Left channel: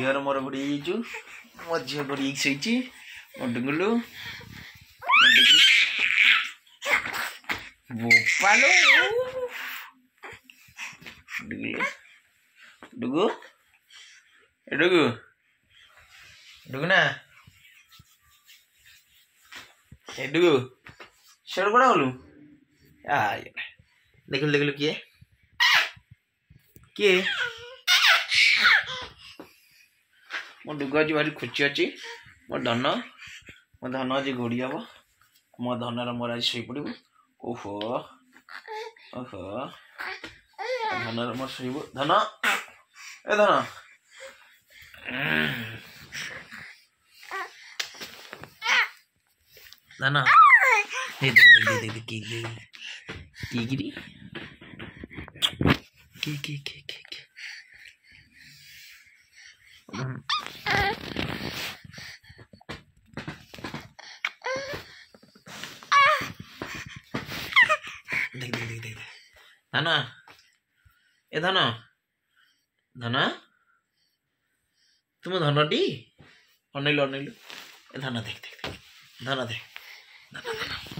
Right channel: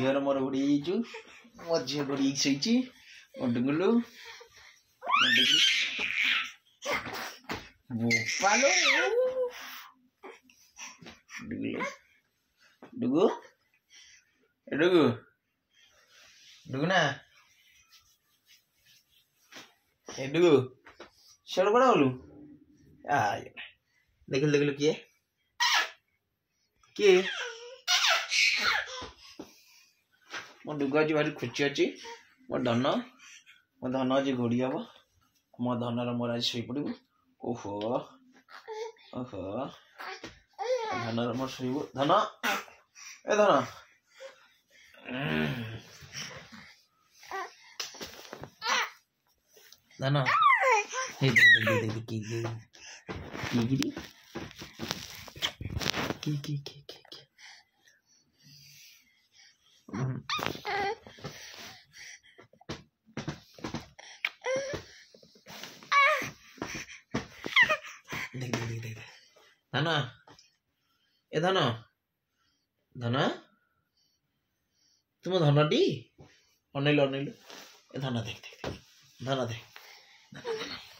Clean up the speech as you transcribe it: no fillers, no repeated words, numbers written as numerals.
झीर मोर घोड़ी जाइचु मो झील घोड़ी सही डुगुलु बोपालो डुगु डुगु डुगु ना डुगु शेड़ बड़ा बोलू देखलु देखलु किए किए मो डुगु आज भारी खुशी अच्छी मो धन आज घोड़ी हम मो धनर मोर आज शई पड़ू ओहो ओहो धनर मोर शईब धन ए धन धन देख देख देख देख की गिरी की देख देख देख देख धन ए धन धन तुम धनटी अनैलु अनैलु ए धन देख देख देख धन देख धन धन